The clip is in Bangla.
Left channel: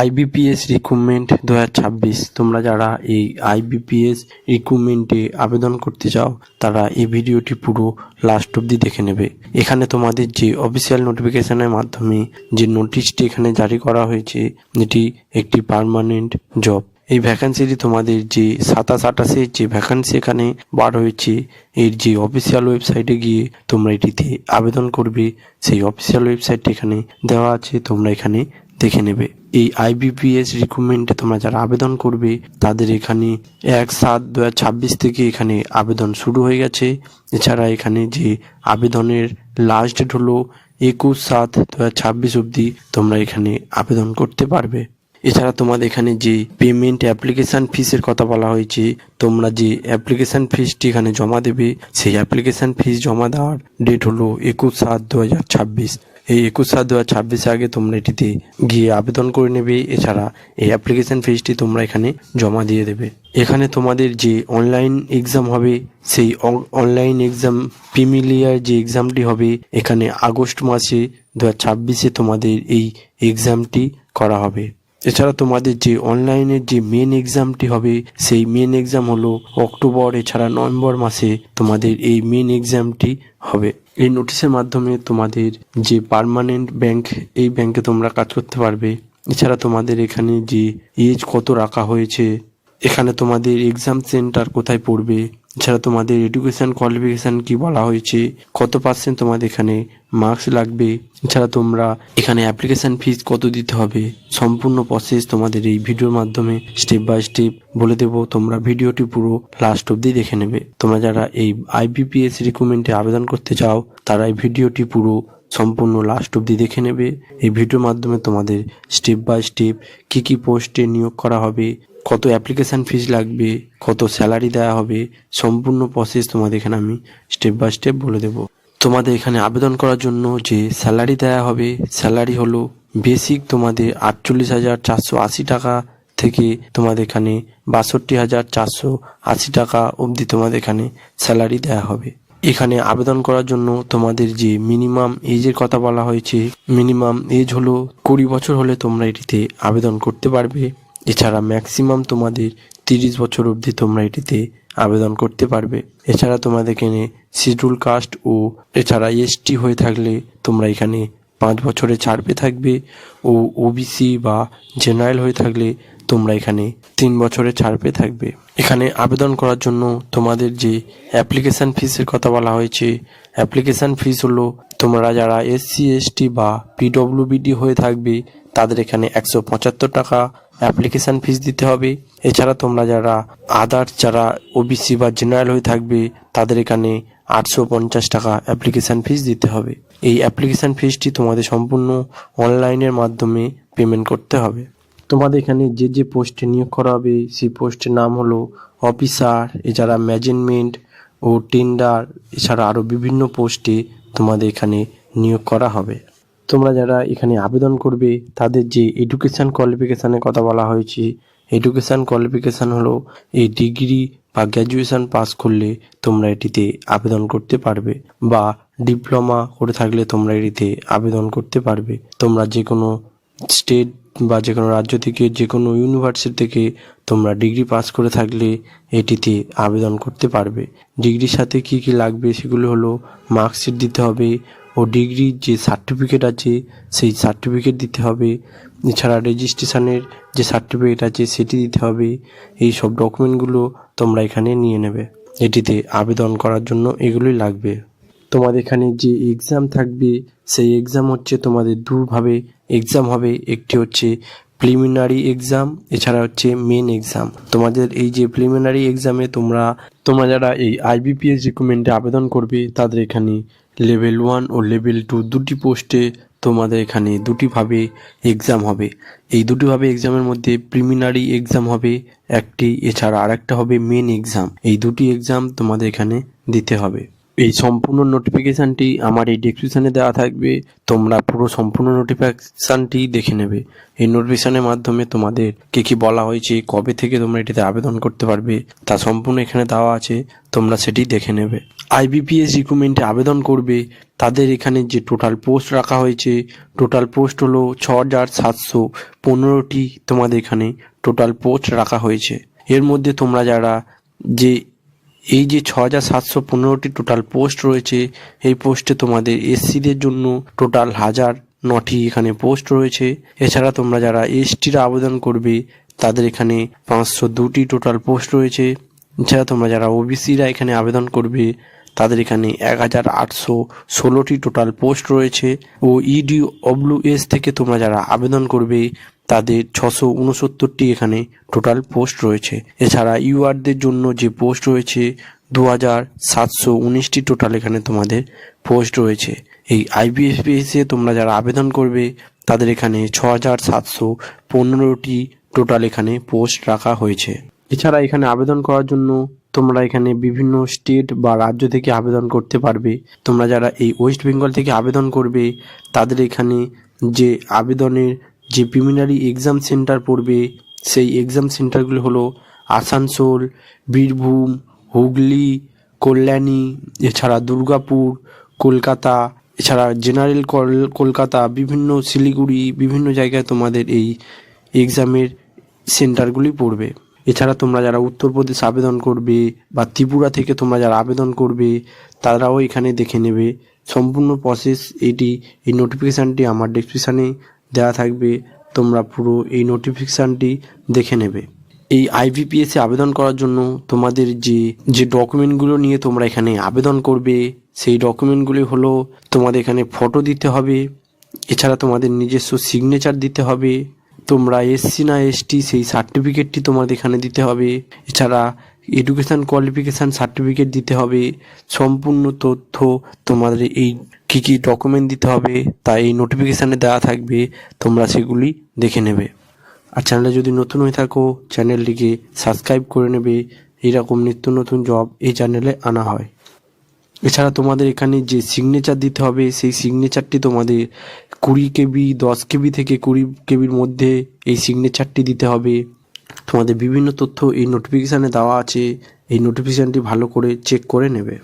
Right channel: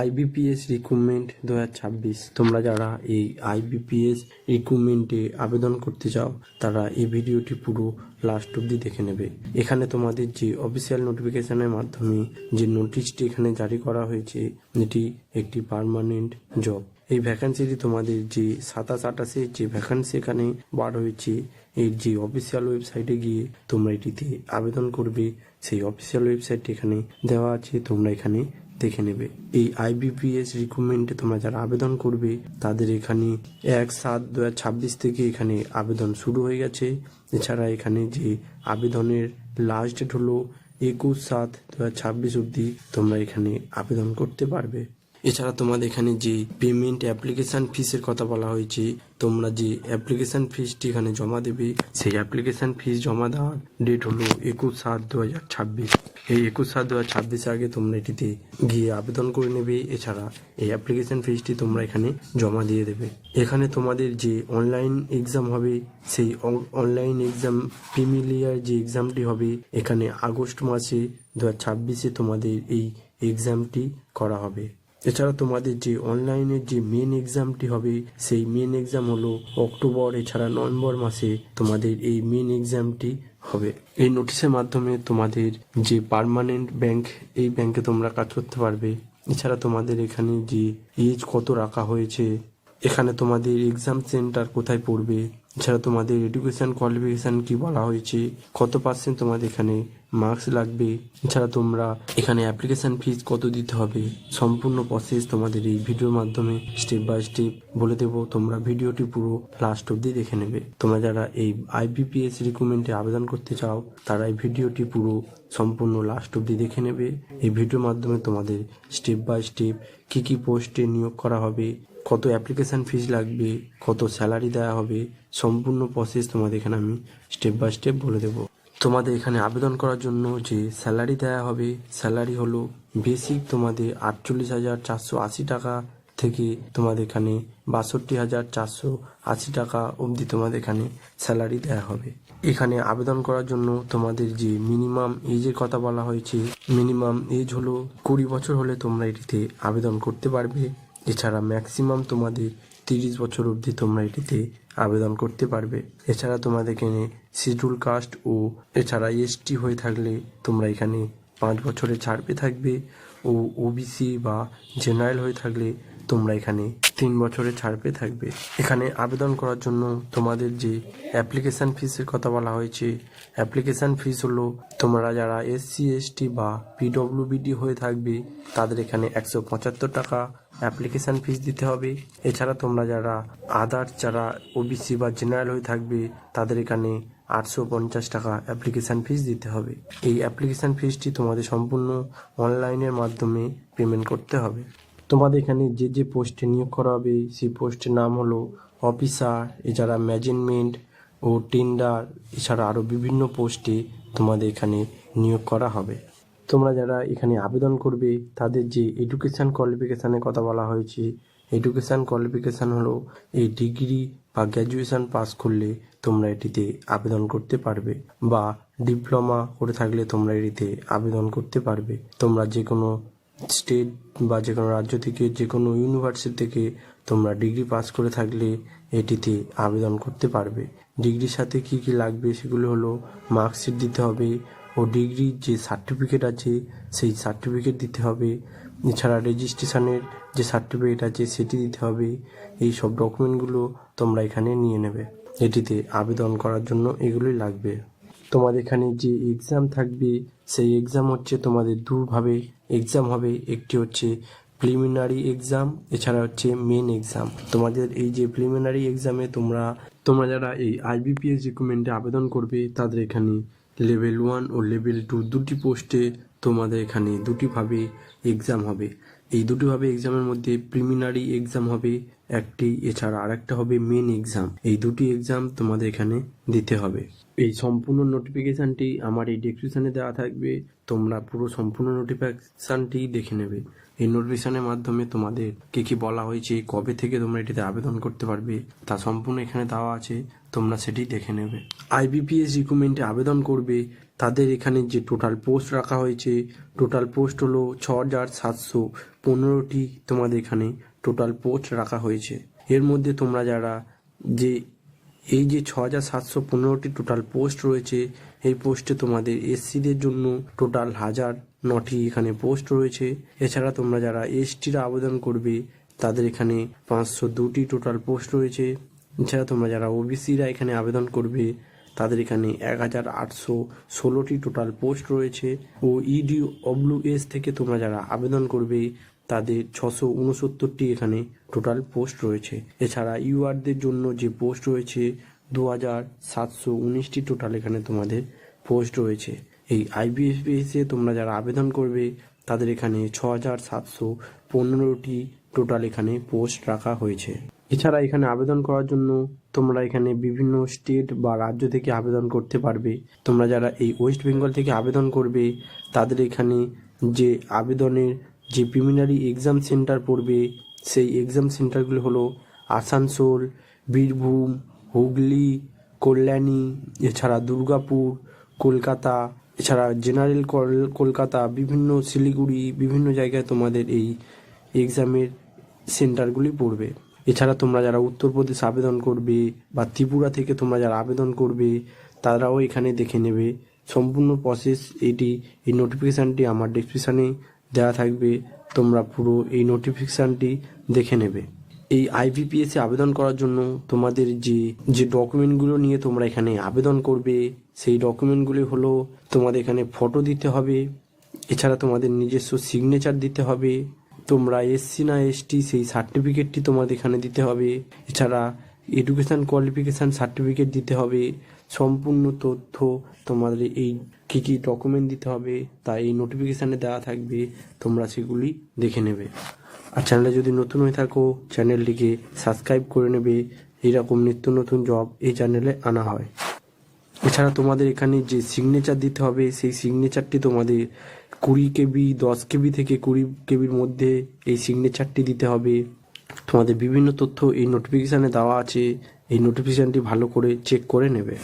আইবিপিএস রিক্রুটমেন্ট 2026 তোমরা যারা এই আইবিপিএস রিক্রুটমেন্টে আবেদন করতে চাও তারা এই ভিডিওটি পুরো লাস্ট অবধি দেখে নেবে। এখানে তোমাদের যে অফিসিয়াল নোটিফিকেশনের মাধ্যমে যে নোটিশটি এখানে জারি করা হয়েছে, এটি একটি পার্মানেন্ট জব। এই ভ্যাকান্সিটি তোমাদের যে 27-28 যে ভ্যাকান্সি এখানে বার হয়েছে, এর যে অফিসিয়াল ওয়েবসাইটে গিয়ে তোমরা এটিতে আবেদন করবে, সেই অফিসিয়াল ওয়েবসাইটটি এখানে দেওয়া আছে, তোমরা এখানে দেখে নেবে। এই আইবিপিএস রিক্রুটমেন্টে তোমরা যারা আবেদন করবে তাদের এখানে 1/7/2026 থেকে এখানে আবেদন শুরু হয়ে গেছে। এছাড়া এখানে যে আবেদনের লাস্ট ডেট হলো 21/7/2026 অবধি তোমরা এখানে আবেদন করতে পারবে। এছাড়া তোমাদের এখানে যে পেমেন্ট অ্যাপ্লিকেশান ফিসের কথা বলা হয়েছে, তোমরা যে অ্যাপ্লিকেশান ফিসটি এখানে জমা দেবে, সেই অ্যাপ্লিকেশান ফিস জমা দেওয়ার ডেট হলো 21/7/2026। এই 21/7/2026 আগে তোমরা এটিতে গিয়ে আবেদন করে নেবে। এছাড়া এই অ্যাপ্লিকেশান ফিসটি তোমরা এখানে জমা দিয়ে দেবে। এখানে তোমাদের যে অনলাইন এক্সাম হবে, সেই অনলাইন এক্সাম প্রিমিলিয়ার যে এক্সামটি হবে এখানে আগস্ট মাসে 2026 তোমাদের এই এক্সামটি করা হবে। এছাড়া তোমাদের যে অনলাইনের যে মেন এক্সামটি হবে, সেই মেন এক্সাম হলো অক্টোবর, এছাড়া নভেম্বর মাসে তোমাদের এই মেন এক্সামটি হবে। এই নোটিশের মাধ্যমে তোমাদের যে পার্মানেন্ট ব্যাংক, এই ব্যাংকে তোমরা কাজ করতে পারবে। এছাড়া তোমাদের এখানে যে এজ কত রাখা হয়েছে, এখানে তোমাদের এক্সাম সেন্টার কোথায় পড়বে, এছাড়া তোমাদের এডুকেশন কোয়ালিফিকেশান কি বলা হয়েছে, কত % তোমাদের এখানে মার্কস লাগবে, এছাড়া তোমরা এখানে অ্যাপ্লিকেশান ফিস কত দিতে হবে, সম্পূর্ণ প্রসেস তোমাদের এই ভিডিওর মাধ্যমে স্টেপ বাই স্টেপ বলে দেবো। তোমরা ভিডিওটি পুরো লাস্ট অবধি দেখে নেবে। তোমরা যারা এই আইবিপিএস রিক্রুটমেন্টে আবেদন করতে চাও তারা এই ভিডিওটি পুরো সম্পূর্ণ লাস্ট অবধি দেখে নেবে। এই ভিডিওর মাধ্যমে তোমাদের স্টেপ বাই স্টেপ কী কী পোস্টে নিয়োগ করা হবে, কত অ্যাপ্লিকেশান ফিস লাগবে, কত স্যালারি দেওয়া হবে, সম্পূর্ণ প্রসেস তোমাদের এখানে আমি স্টেপ বাই স্টেপ বলে দেবো। তোমাদের এখানে আবেদন করার জন্য যে স্যালারি দেওয়া হবে, স্যালারি হলো বেসিক তোমাদের 48,480 টাকা থেকে তোমাদের এখানে 62,480 টাকা অবধি তোমাদের এখানে স্যালারি দেওয়া হবে। এখানে আবেদন করার জন্য তোমাদের যে মিনিমাম এজের কথা বলা হয়েছে, মিনিমাম এজ হলো 20 বছর হলে তোমরা এটিতে আবেদন করতে পারবে। এছাড়া ম্যাক্সিমাম তোমাদের 30 বছর অবধি তোমরা এটিতে আবেদন করতে পারবে। এছাড়া তোমাদের এখানে শিডিউল কাস্ট ও এছাড়া এসটি হয়ে থাকলে তোমরা এখানে 5 বছরের ছাড় পেয়ে থাকবে, ও ওবিসি বা জেনারেল হয়ে থাকলে তোমরা এখানে 3 বছরের ছাড় পেয়ে থাকবে। এখানে আবেদন করার জন্য তোমাদের যে অ্যাপ্লিকেশান ফিসের কথা বলা হয়েছে, অ্যাপ্লিকেশান ফিস হলো তোমরা যারা SC ST বা PWBD হয়ে থাকবে তাদের এখানে 175 টাকা অ্যাপ্লিকেশান ফিস দিতে হবে। এছাড়া তোমরা যারা আদার্স যারা ওবিসি বা জেনারেল হয়ে থাকবে তাদের এখানে 850 টাকা অ্যাপ্লিকেশান ফিস দিতে হবে। এই অ্যাপ্লিকেশান ফিসটি তোমাদের সম্পূর্ণ অনলাইনের মাধ্যমে পেমেন্ট করতে হবে। তোমাদের এখানে যে যে পোস্টে নিয়োগ করা হবে সেই পোস্টের নাম হলো অফিসার, এছাড়া ম্যানেজমেন্ট ও টেন্ডার, এছাড়া আরও বিভিন্ন পোস্টে তোমাদের এখানে নিয়োগ করা হবে। তোমরা যারা এখানে আবেদন করবে তাদের যে এডুকেশান কোয়ালিফিকেশানের কথা বলা হয়েছে, এডুকেশান কোয়ালিফিকেশান হলো এই ডিগ্রি বা গ্র্যাজুয়েশান পাস করলে তোমরা এটিতে আবেদন করতে পারবে, বা ডিপ্লোমা করে থাকলে তোমরা এটিতে আবেদন করতে পারবে। তোমরা যে কোনো স্টেট বা যে কোনো রাজ্য থেকে, যে কোনো ইউনিভার্সিটি থেকে তোমরা ডিগ্রি পাস করে থাকলে এটিতে আবেদন করতে পারবে। ডিগ্রির সাথে কি কি লাগবে সেগুলো হলো মার্কশিট দিতে হবে, ও ডিগ্রির যে সার্টিফিকেট আছে সেই সার্টিফিকেট দিতে হবে। এছাড়া রেজিস্ট্রেশনের যে সার্টিফিকেট আছে সেটি দিতে হবে। এই সব ডকুমেন্টগুলো তোমরা এখানে নিয়ে নেবে। এটিতে আবেদন করার জন্য এগুলোই লাগবে। তোমাদের এখানে যে এক্সাম থাকবে সেই এক্সাম হচ্ছে তোমাদের দুভাবে এক্সাম হবে। একটি হচ্ছে প্রিলিমিনারি এক্সাম, এছাড়া হচ্ছে মেন এক্সাম। তোমাদের এই যে প্রিলিমিনারি এক্সামে তোমরা যারা এই আইবিপিএস রিক্রুটমেন্টে আবেদন করবে তাদের এখানে লেভেল 1 ও লেভেল 2 দুটি পোস্টে তোমাদের এখানে দুটিভাবে এক্সাম হবে। এই দুটিভাবে এক্সামের মধ্যে প্রিলিমিনারি এক্সাম হবে একটি, এছাড়া আরেকটা হবে মেন এক্সাম। এই দুটি এক্সাম তোমাদের এখানে দিতে হবে। এই সম্পূর্ণ নোটিফিকেশানটি আমার এই ডেসক্রিপশানে দেওয়া থাকবে, তোমরা পুরো সম্পূর্ণ নোটিফিকেশানটি দেখে নেবে। এই নোটিফিকেশানের মাধ্যমে তোমাদের কী কী বলা হয়েছে, কবে থেকে তোমরা এটিতে আবেদন করতে পারবে তা সম্পূর্ণ এখানে দেওয়া আছে, তোমরা সেটি দেখে নেবে। আইবিপিএস রিক্রুটমেন্টে আবেদন করবে তাদের এখানে যে টোটাল পোস্ট রাখা হয়েছে, টোটাল পোস্ট হলো 6,715টি তোমাদের এখানে টোটাল পোস্ট রাখা হয়েছে। এর মধ্যে তোমরা যারা যে এই যে 6,715টি টোটাল পোস্ট রয়েছে, এই পোস্টে তোমাদের এসসিদের জন্য টোটাল 1,009টি এখানে পোস্ট রয়েছে। এছাড়া তোমরা যারা এসটিরা আবেদন করবে তাদের এখানে 502টি টোটাল পোস্ট রয়েছে। এছাড়া তোমরা যারা ওবিসিরা এখানে আবেদন করবে তাদের এখানে 1,816টি টোটাল পোস্ট রয়েছে। ও ইডব্লিউএস থেকে তোমরা যারা আবেদন করবে তাদের 669টি এখানে টোটাল পোস্ট রয়েছে। এছাড়া ইউআরদের জন্য যে পোস্ট রয়েছে 2,719টি টোটাল এখানে তোমাদের পোস্ট রয়েছে। এই আইবিপিএসে তোমরা যারা আবেদন করবে তাদের এখানে 6,715টি টোটাল এখানে পোস্ট রাখা হয়েছে। এছাড়া এখানে আবেদন করার জন্য তোমরা এখানে বিভিন্ন স্টেট বা রাজ্য থেকে আবেদন করতে পারবে। তোমরা যারা এই ওয়েস্ট বেঙ্গল থেকে আবেদন করবে তাদের এখানে যে আবেদনের যে প্রিলিমিনারি এক্সাম সেন্টার পড়বে, সেই এক্সাম সেন্টারগুলো হলো আসানসোল, বীরভূম, হুগলি, কল্যাণী, এছাড়া দুর্গাপুর, কলকাতা, এছাড়া জেনারেল কলকাতা, বিভিন্ন শিলিগুড়ি, বিভিন্ন জায়গায় তোমাদের এই এক্সামের সেন্টারগুলি পড়বে। এছাড়া তোমরা যারা উত্তরপ্রদেশ আবেদন করবে বা ত্রিপুরা থেকে তোমরা যারা আবেদন করবে তারাও এখানে দেখে নেবে সম্পূর্ণ প্রসেস। এই নোটিফিকেশানটি আমার ডেসক্রিপশানে দেওয়া থাকবে, তোমরা পুরো এই নোটিফিকেশানটি দেখে নেবে। এই আইবিপিএসে আবেদন করার জন্য তোমাদের যে ডকুমেন্টগুলো নিয়ে তোমরা এখানে আবেদন করবে সেই ডকুমেন্টগুলি হলো তোমাদের এখানে ফটো দিতে হবে, এছাড়া তোমাদের নিজস্ব সিগনেচার দিতে হবে, তোমরা এসসি না এসটি সেই সার্টিফিকেটটি তোমাদের এখানে দিতে হবে, এছাড়া এডুকেশান কোয়ালিফিকেশান সার্টিফিকেট দিতে হবে। সম্পূর্ণ তথ্য তোমাদের এই কী কী ডকুমেন্ট দিতে হবে তা এই নোটিফিকেশানে দেওয়া থাকবে, তোমরা সেগুলি দেখে নেবে। আর চ্যানেলে যদি নতুন হয়ে থাকো চ্যানেলটিকে সাবস্ক্রাইব করে নেবে, এইরকম নিত্য নতুন জব এই চ্যানেলে আনা হয়। এছাড়া তোমাদের এখানে যে সিগনেচার দিতে হবে সেই সিগনেচারটি তোমাদের 20 কেবি, 10 কেবি থেকে 20 কেবির মধ্যে এই সিগনেচারটি দিতে হবে। তোমাদের বিভিন্ন তথ্য এই নোটিফিকেশানে দেওয়া আছে, এই নোটিফিকেশানটি ভালো করে চেক করে নেবে।